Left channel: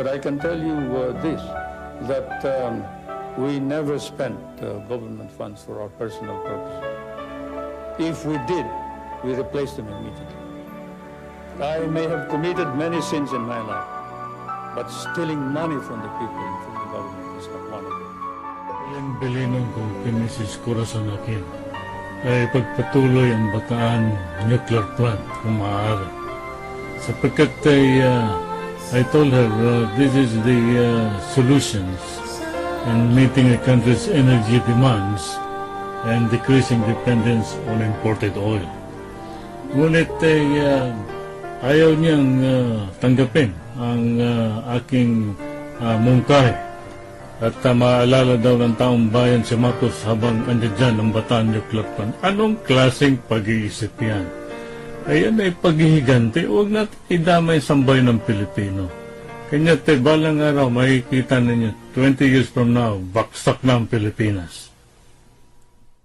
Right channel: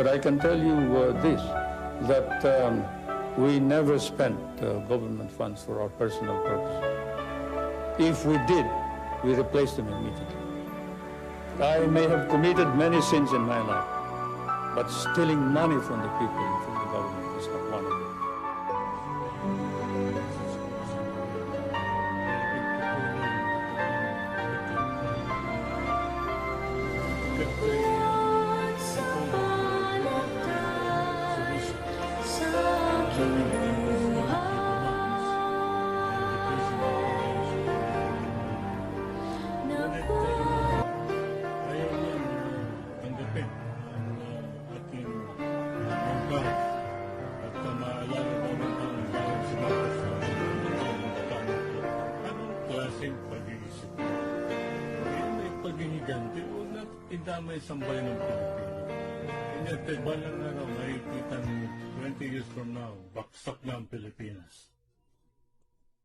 But I can tell you this, that we never spent government funds for our personal purpose. If we did, we replaced them immediately. I may have committed many sins in my life, but stealing money from the people and from the government is not one of them. Ang Pilipinong Pinisis Corazon Aquino ay pagpatuloy ang Bataan nuclear plant kung maaari. Sapagkat I told her this is the solution in meeting the country's energy demands and decreasing dependence on imported oil. Ngunit ayaw niyang tanggapin ang aking mungkahi. At maalala daw ng taong bayan si Marcos habang andyan ang Bataan Nuclear Plant. Anong klaseng pag-iisip yan? Ayan ay paghihiganti. Huwag natin idamay sambay ng Pilipino. Kanya balang araw makikita ninyo, 20 years from now, baksak na ang Pilipinas.